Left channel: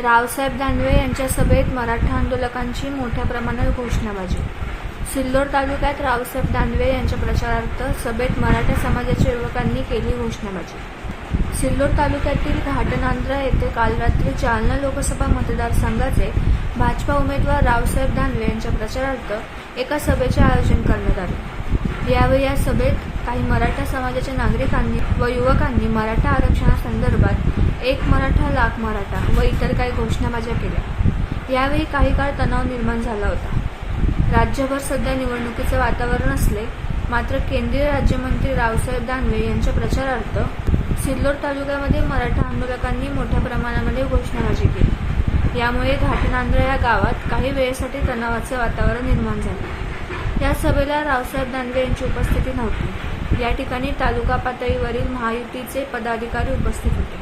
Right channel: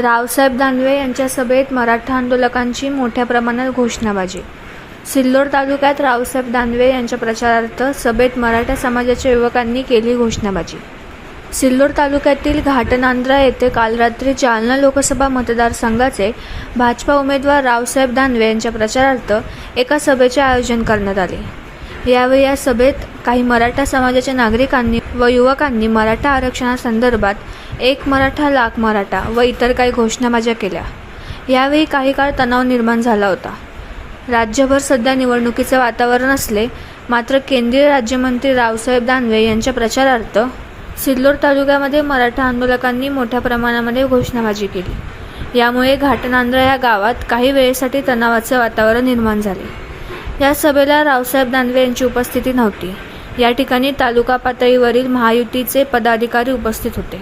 रावसाहेब दानवे यांच्या सभेत मराठा आंदोलकांची मोठ्या प्रमाणात घोषणाबाजी. सिल्लोड तालुक्यात रावसाहेब दानवे यांच्या प्रचारार्थ सभेत मराठा समाजाच्या युवकांनी केली घोषणाबाजी. सिल्लोड तालुक्यातील घाटनांद्रा येथे काल रात्री जालना लोकसभा मतदारसंघाचे भाजपा उमेदवार रावसाहेब दानवे यांच्या प्रचारार्थ एका सभेचे आयोजन करण्यात आले. यावेळी या सभेत काही मराठा समाजाच्या नागरिकांनी व युवकांनी मराठा आरक्षणासंदर्भात एक मराठा लाख मराठा व इतर काही घोषणाबाज्या केल्या. यावेळी काही काळ तणाव निर्माण झाला होता. राज्यभर सध्या निवडणुकीचे वातावरण असले मात्र केंद्रीय राज्यमंत्री रावसाहेब दानवे यांच्या प्रचारार्थ सिल्लोड तालुक्यामध्ये मराठा आंदोलकांनी मोठ्या प्रमाणामध्ये घोषणाबाजी केली. यामुळे घाटनांद्रा या गावात काही वेळेसाठी तणावाचे वातावरण निर्माण झाले. या सभेला रावसाहेब दानवे यांची उपस्थिती नव्हती. या ठिकाणी तालुका पातळीवरील महायुतीचे पदाधिकारी उपस्थित होते.